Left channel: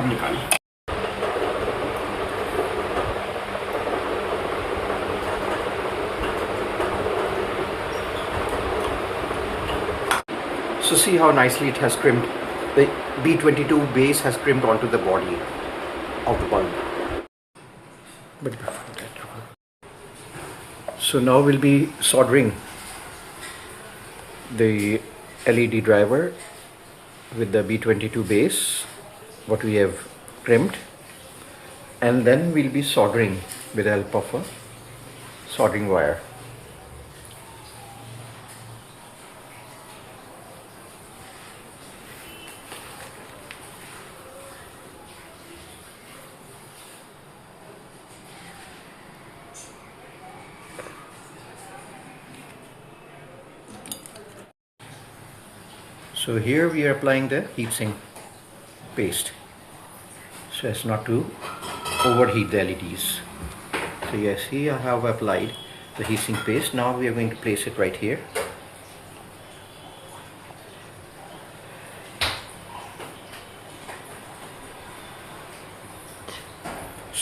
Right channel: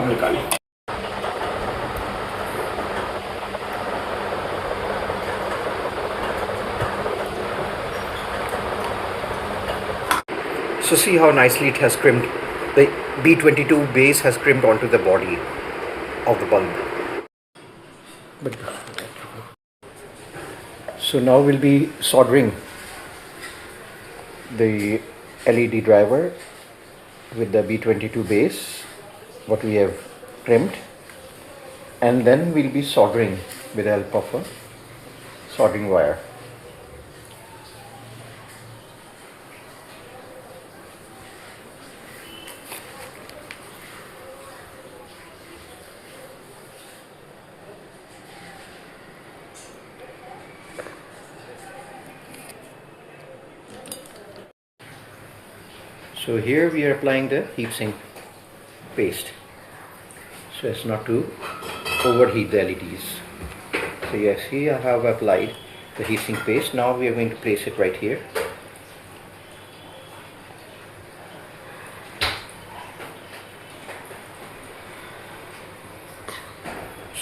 हम निकालें। So see how nicely it has crimped. The B22 base has crimped onto the body of the bulb. But before that, so now we'll be soldering the LED driver with the B22 base, what we have crimped, and then we'll be soldering with the help of a soldering wire. So here we are applying the heatsink paste so as not to overheat the LEDs. So yes, here I have applied the heatsink paste. Now we are going to place it right here.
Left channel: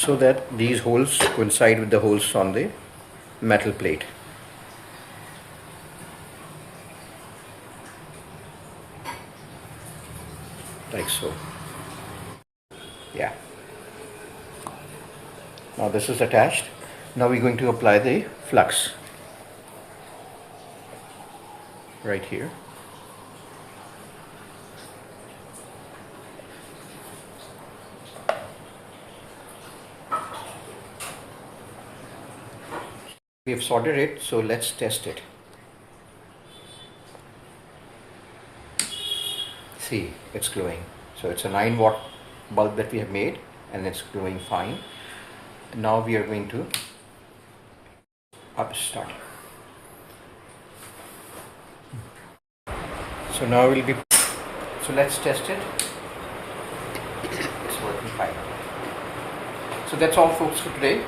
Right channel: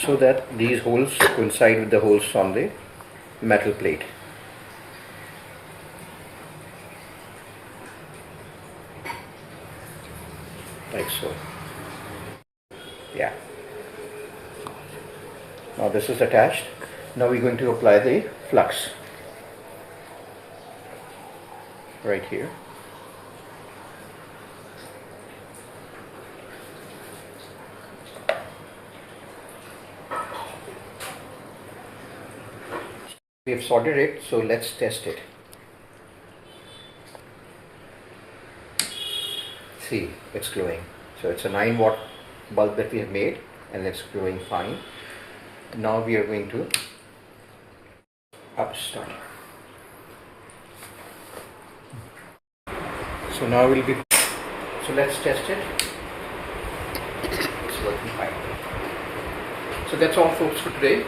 So that these holes coincide with the holes on the metal plate. Like so. Yeah. Now this is attached. Now we're going to apply the flux right here. We have soldered it, so let's test it. See, it's glowing. So it's a 9-watt bulb that we have made, and it's glowing fine. Now we are going to start. So now we'll be. So let's test it. It's working fine. So that's all, folks, for today.